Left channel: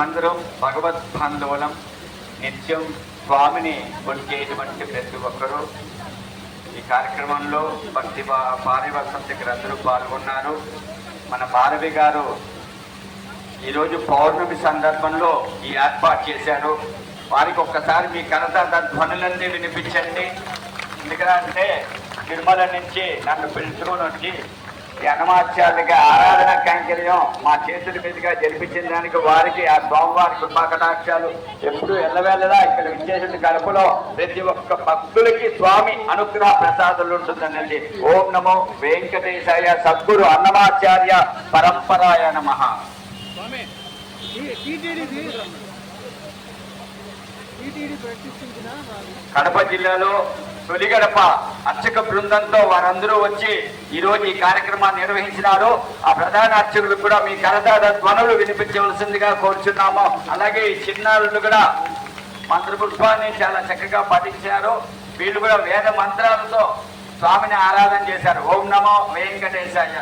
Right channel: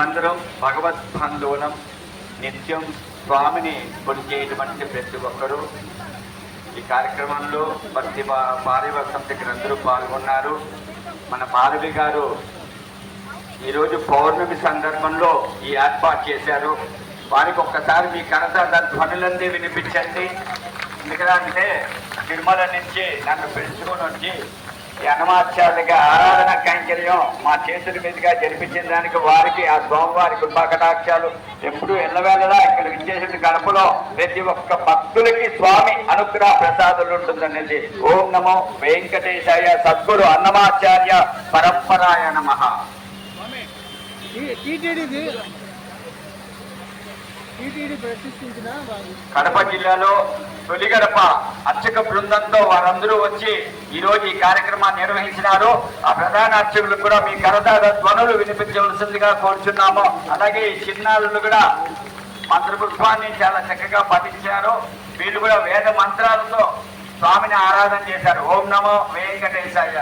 మనమందరం భగవద్ బంధువులం. నిత్యం స్వామిని కొలిచేటువంటి ప్రతి ఒక్కరూ ఈ కార్యక్రమంలో భక్తి పారివసం దగ్గర అందరూ పాల్గొన్నారు. మన భారవి గారు ఈరోజు పౌర్ణమి సందర్భంలో ఈ ఏర్పాటు చేశారు. వారికి ఒక్కసారి మీ కరతాళ ధ్వనులన్నీ వినిపించండి. ఎందుకంటే తిరుమల నుంచి నన్ను పిలుచుకొని వచ్చి ఈ అన్నమాచార్యుడిగా ఆరాధన కైంకర్యం మా చేతుల మీదుగా జరిపించిన దానికి వారికి ఆ స్వామివారి కృపాకటాక్షాలు ఎప్పుడు ఎల్లవేళలా ఇక్కడ విచ్చేసిన గడపలో ప్రతి ఒక్క భక్తులకి స్వామి అనుగ్రహ ప్రసాదాలు ఉంటుందనేది. ఓం నమో వెంకటేశాయ. సద్గురు అన్నమాచార్య పరంపరాయ నమః. కడప జిల్లాలో తొలి గడప అర్చక బృందంతో వారందరూ వచ్చి ఈరోజు ఈ కార్యక్రమాన్ని నిర్వహించినారు. ఆ ప్రధాన అర్చకులకు కూడా మీ కరతాళ ధ్వనులు వినిపించవలసిందిగా కోరుచున్నాము. అలాగే ఈ చిన్నారులు కూడా మంత్రపుష్పాన్ని చాలా చక్కగా పఠించారు. వీళ్ళు కూడా వేద మంత్రాలతో స్వామిని ఆరాధన చేశారు. ఓం నమో వెంకటేశాయ.